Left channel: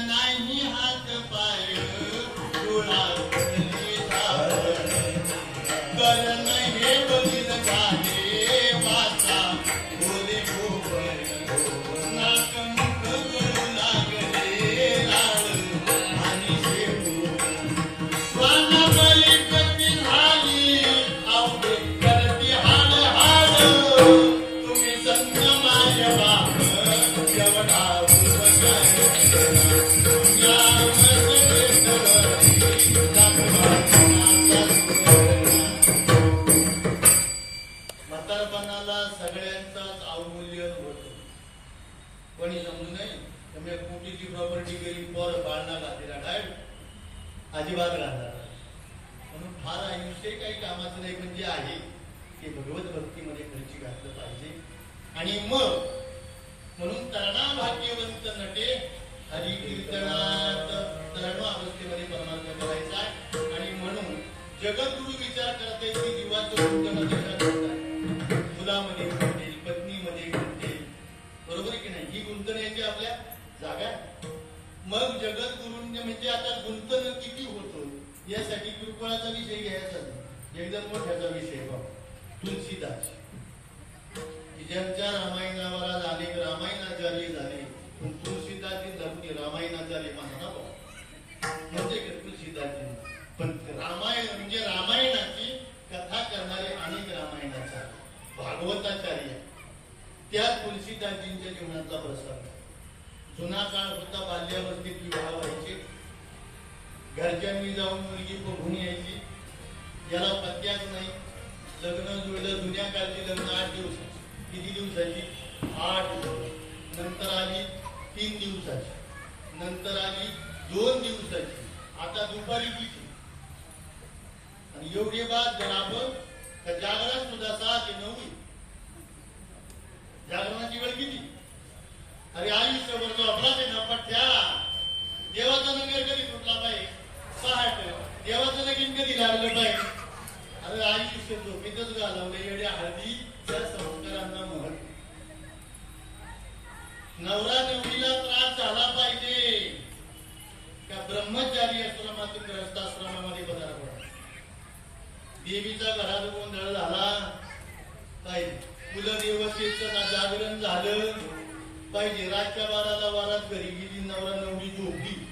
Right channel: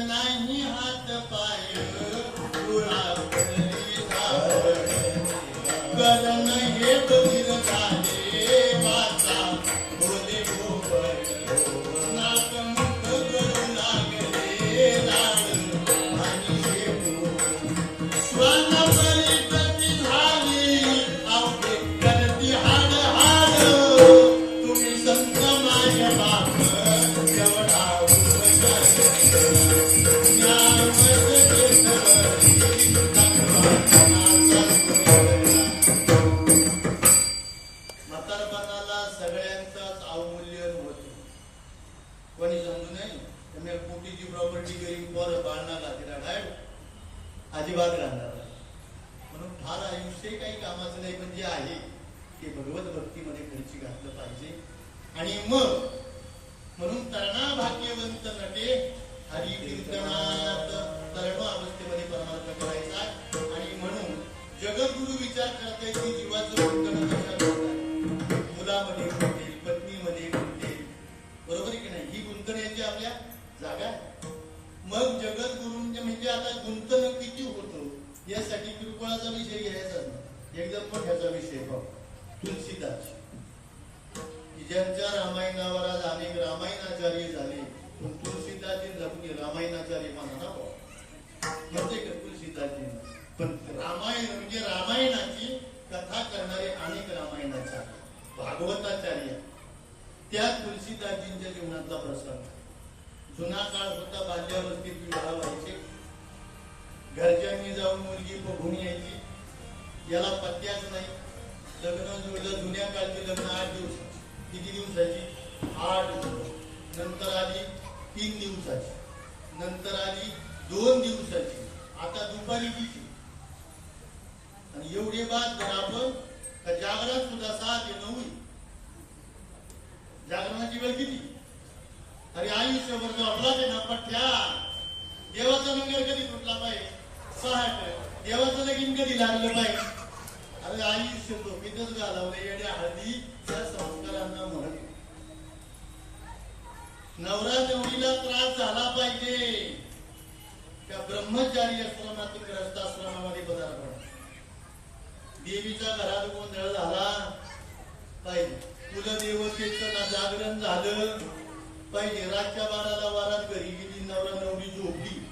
नाही मी हात पाय डोळा अजिबात राहणार नाही. म्हणून फार आयुष्य काही कामाचं नाही पण जे आहे ते भगवत भक्तीमध्ये खुर्ची घातलं पाहिजे. आणि मग म्हणून तरणा भाग्यवंत नटे हरी कीर्तनात तरण अवस्थेमध्ये परमात्मा करायचा आहे. आणि म्हणून जगद्गुरु विचार करते की जीवाचे गुंतवणूक कशा करतात. मुलामध्ये गुंतेल पत्नीमध्ये गुंतेल बरोबर आहे की नाही? ही गुंतण्याची आपल्या जागा मग जगद्गुरूंचे म्हणजे आता गुंतवणूक किती होतो? यासाठी किरकोळाचा विषय घ्यायचा एकदम मोठ्याचा विषय बघ? तुलसीदास. ज्यांच्या रामायणावर आज अनेक रामायणाचार्य झाले पण तुलसीदासजी जगली रामायणाचार्य म्हणा ना बुवा. म्हणजे पण रामायण म्हणजे रामायणाची कथा करणारे अनेक रामायणाचार्य भागवताचार्य त्या तुळशीदाजींच्या जीवनाचा प्रसंग. जुना काळ होता बाल्यावस्थेत विवाह व्हायचे. घरच्यांनी जाऊन मुलगी बघून यायची. याला पत्त्याच नाही. लग्न जुळलं जुन्या काळची लग्न आठ दिवस. किती दिवसाची? आठ नंतर आली तीन दिवसाची. नंतर आली दोन दिवसाची. आता दुपारी किती? आणि एवढे बाद जर आपण तर जागरण सुद्धा सहा ते नऊ जागरणाची वेळ किती? अरे आयुष्यभर जो आपला ते ना पठ्या देवाचा नगर कधी फुटला पाहिजे? सहा देवाचं नगीन कधी लागलं पाहिजे? अरे आई सोबत झोपेतच घालवलं येडे हळदी त्या संस्कारांना नवरा नवरीला त्रास झाला पाहिजे. का ब्रह्मचारी आश्रमातून ग्रस्ताश्रमामध्ये पदार्पण देवीचा घरात गोंधळ झाला. पाहिजे कुलदेवतेचं ना जागरण झालं. पाहिजे रातच्या बाराला वारात घरी गेली नवरा नवरी झोपली.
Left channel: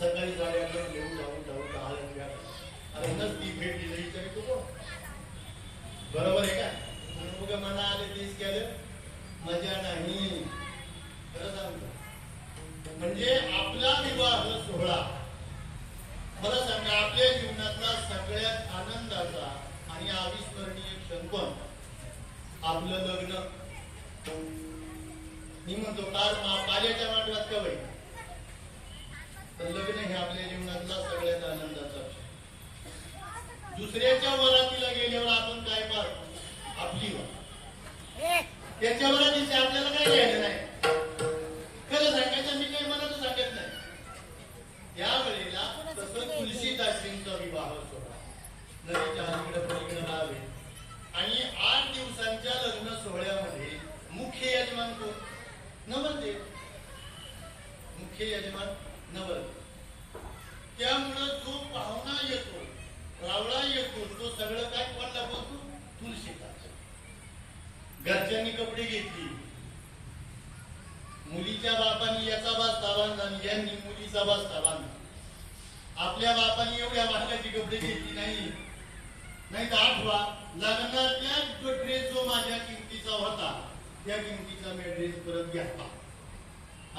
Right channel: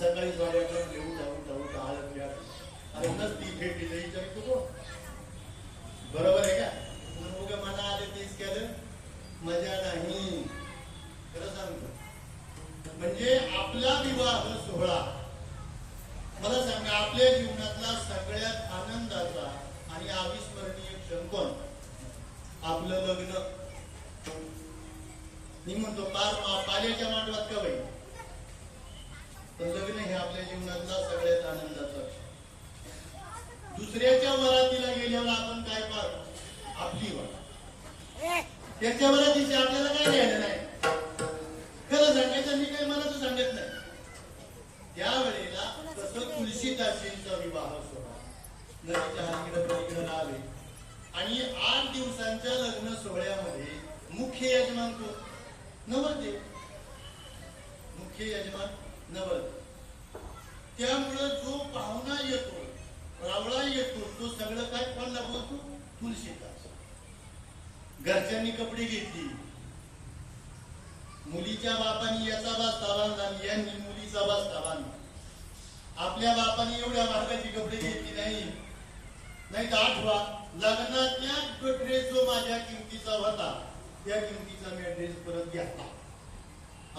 सकाळी साडेआठला घेऊन जाऊन जाऊ दहा वेळा अरे नसती भेट दिली तरी तो बरोबर आहे का? मुलगा मला आले तेच केलं मजा नाही खरं सांगतो म्हणजे आपला विवाह सोहळा मला सांगा आपल्या जीवनातला सगळ्यात आनंदाचा आणि अविस्मरणीय क्षण पण आपलं लग्न मी म्हणतो पार पाल्याच्या मांडवात का बाई तर लग्न हे आपल्या जीवनातला सगळ्यात आनंदाचा क्षण. दुसऱ्याच्या वरातीला गेल्यावर आपण काय पाहतो आपली त्याच्यावरच त्याच्या आपल्याला काही घ्यायला नाही. खरं सांगायचं मी काही मनाचं सांगत नाही. त्यावेळेला तसं तुलसीदासींचा विवाह सोहळा. नदीच्या अलीकडे आणि आठ दिवसांच्या लग्न सोहळ्यामध्ये मुख्य यजमान कोण? नवरदेव मुख्य यजमान नवरदेव त्यामुळं जो पाहुणा येतो रावळा येतो तो सगळं काय कोणला बोलतो तुलसीदास घरच्यांनी कपडे घेतली. मुलीच्या बापानी याचा बास ताबान आणि यांनी मुलीचा बास ताबान. आपल्या बापानी एवढ्या महागाची कपडे घेतली नाही. नाही तर आठवा लग्नातल्या ड्रेस जो माझ्या किमतीचा होता त्या किमतीचा मी ड्रेस परत घेतला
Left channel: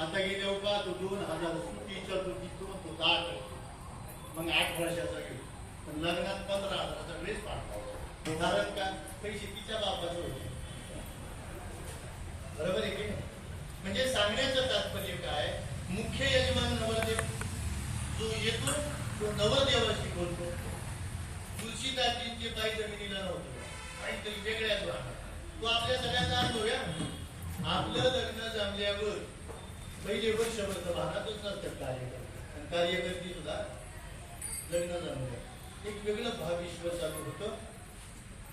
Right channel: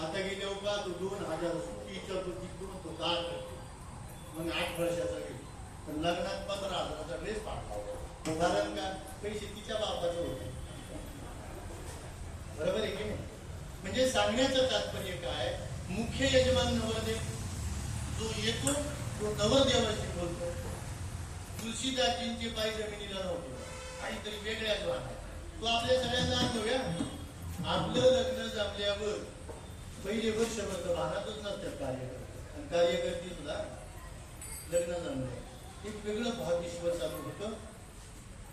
आता गेल्या का तो दोन हजार सुट्टीच्या तो तो तो आठ मग आठ वर्षाचा गेला पण लग्नात पंधरा हजाराचा ड्रेस पाठवला कारण का? पैसे तिच्या बापाचे होते. बरोबर आहे की नाही? म्हणजे सांगण्याचं तात्पर्य काय? मुख्य यजमान नवरदेव जो येतो तो नवरदेवाशी बोलतो तुलसी तुळशीदाजींचे पाय जमिनीला नव्हते आणि वेगळ्याच वाटत तो आपल्या सगळ्यांना अनुभवूया आपलं लग्न जमल्यावर पहिले वर्षभर तर भानातच नसतात कार्यकर्ते. आणि कार्यकर्ते सुद्धा लग्न जमलं. एक वेगळं भाविश्व चालू होतं.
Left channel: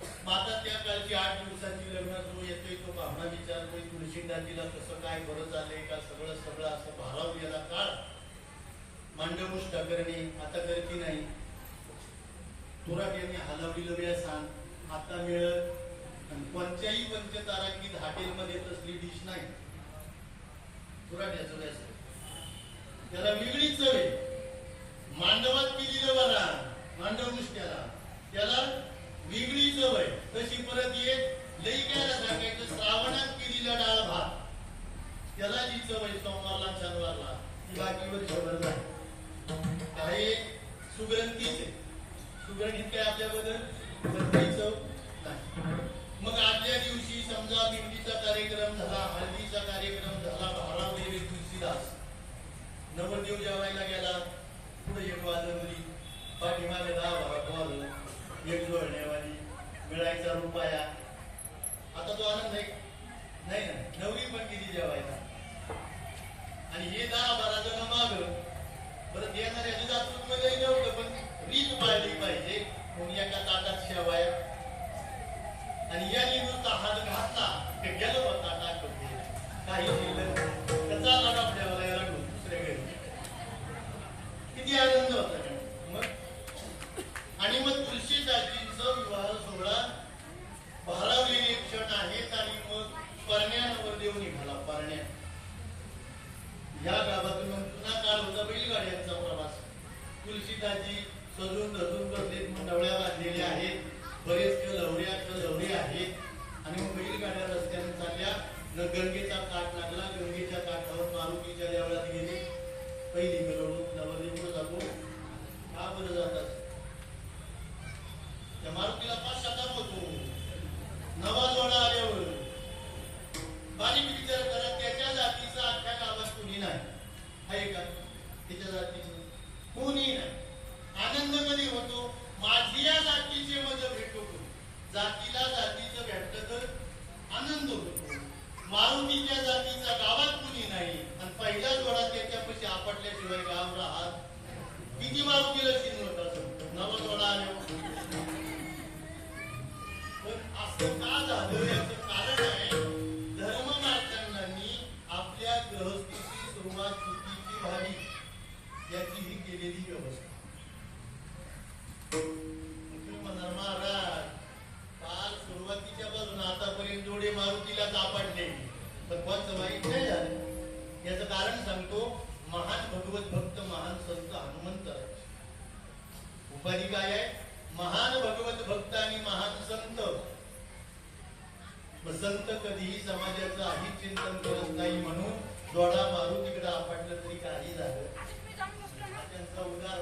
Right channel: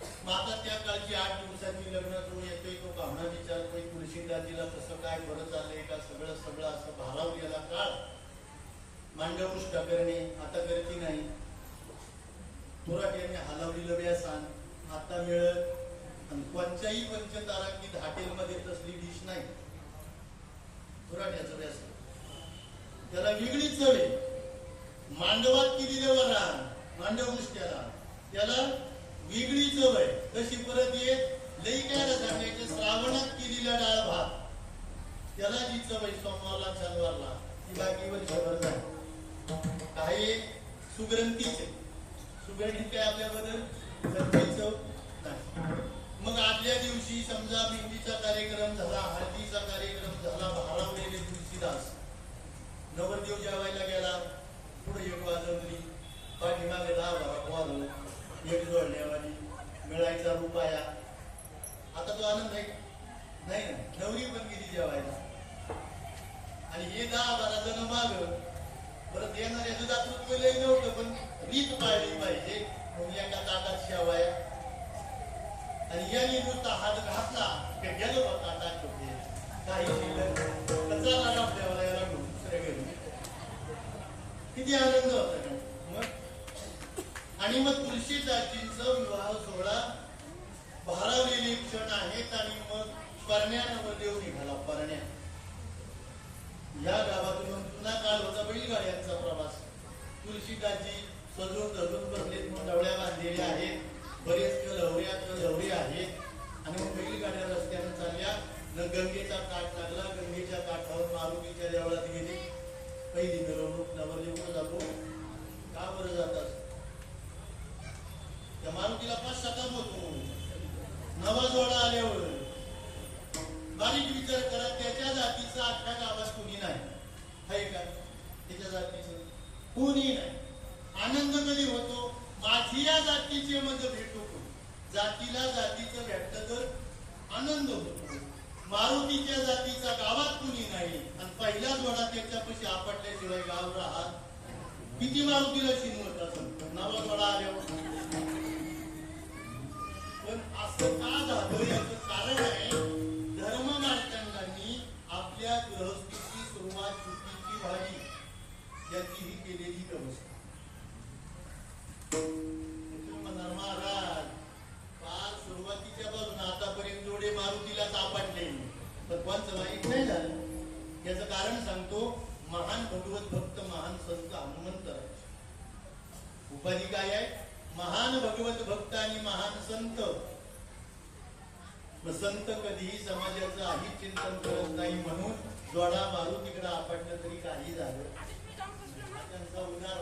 आता त्या काळची आठ दिवसाची लग्न तो येतोय तो भावना विचारतोय तुळशीदाजीला कसं काय बरं चाललंय का सगळं सगळं असं भारावलेला काळ. मांडवुष्ट करणे आता करती नाही. थोरात यांनी हलवलेलं सांग आता मिळत आणि पंचतारांकित हॉटेलमध्ये तसली डिश नाही. तुराट्याचं व्यासन त्याला वेगळीच चव आहे. मांडवात केलेलं वरण मांडव उष्ट्याला त्याला वेगळी चव आहे. तशी परत एक लई काय सांगायचं श्रावणात केलेला डाळ भात. त्याला जी चव आहे सोमवारला शनिवारला ती बाकीवर खबर नाही. काही सुग्रंथीच आहे. सुगंधित काय आपल्याबद्दल तर काही चव नाही. मग आदल्या दिवशी समजा मेहंदीचा कार्यक्रम झाला हळदीचा कार्यक्रम झाला भारावलेले तुलसीदास नवरदेव जेवायला गेला. पुढे एक वाजवली. पाठीमागे दहा भाग वाजवला एक जोडण्यावाली मिळायचा रुपया. आता तो आनंद आहे नाही ना. नवरी पण किती जेवायला आणि हे दहा बारा जण माग परत येणाऱ्या दातृत्व काही नव्हतं पण रीत पाळली पाहिजे. म्हणून एका ताटात शेवाया. आणि या नुसता हात घातला ते गेलो बा ताटात होते काही केलं तर चालला डॉक्टरला दुसऱ्या घरी. किती आनंद होता. आणि मग तुळशीदाजींचा विवाह सोहळा भारावलेले क्षण आहेत आणि मग परण्यावर देव निघाला परण्या. या गावातून मग पुन्हा काल होता बैलगाड्यांचा प्रवास. तुळशीदाजी सजून धरून बसलेत मंडवळ्या बांधलेल्या आहेत. बरेच लवड्या लवडे आहेत. आणि मग बैलगाड्या रस्त्यानं चालल्या. गंगेचा काठ लागला गंगेच्या काठावर मारुतीच्या देवळात गेले. पहिली मिरवणूक नवरदेव जातो. का बरं जातात? त्या मारुतीला पाच शतक होतो. नवा जोडा आल्यावर बारीक विचार करा त्याच्या जातीचा अख्ख्या गावात कुणी नाही. आहे का? त्याच्या जातीचं. कुणी नाही. आनंद कधी होतो? माझी या जातीचे मग भेटतो जातीला जातीचं भेटत तर आनंद होतो. मारुतीच्या जातीचा गावात कुणी नाही. आणि पहिल्या जोडा त्याच्यापाशी आपटल्याशिवाय गाव राहत किती मारुतीला शिनवत असं नवा जोडा आल्यावर. पण असं का झालं याचं कारण आहे आपल्या सुरुवात चुकीची व्हावी याची ही केलेली व्यवस्था म्हणणार महाराज काल सुरुवातीच्या बाजून आतापर्यंत जोडे मारुतीला पण कोणचं वाईट नाही झालं याचं कारण सांगतो महान भगवत भक्त महान संत हनुमंत उपाधी काय आहे? महान भगवत भक्त आणि महान संत. संत कधीही समाजाचं आधी चिंतन करत नाही म्हणून दोडा मारून तिकडे आपटलं तरी काही झालं हा त्यांचा उदार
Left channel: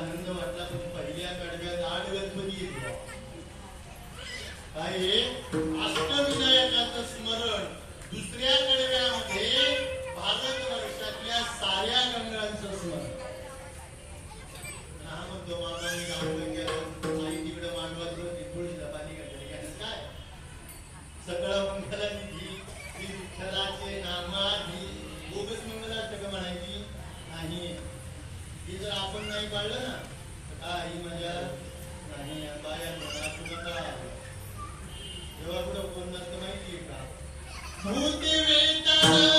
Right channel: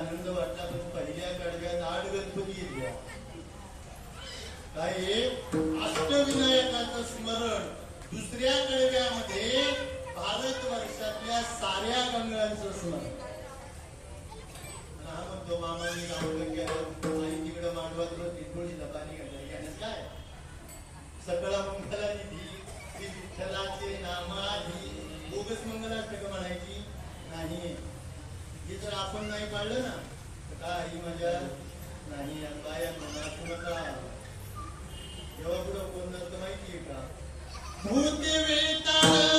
आनंद वाटला पण पहिल्या कडव्यात आठ गणपती येतो काय अष्टविनायकाचं स्मरण दुसऱ्या कडव्यामध्ये भारत वर्षातल्या साऱ्या गंगांचं स्मरण. हा म्हणतो मामाने गावलं गेलं आई तिकडे मांडवात पाणी काय? सगळं मंगला निधी विठ्ठलाचे नामाधी बोगस म्हणायची? नाही. ही जर आपण नाही पाळलं ना तर काय ही माझ्या म्हणजे नाही बाया म्हणा तुम्हाला तेव्हा कुठं कोण नसतं माहिती आहे का? भूत Hey,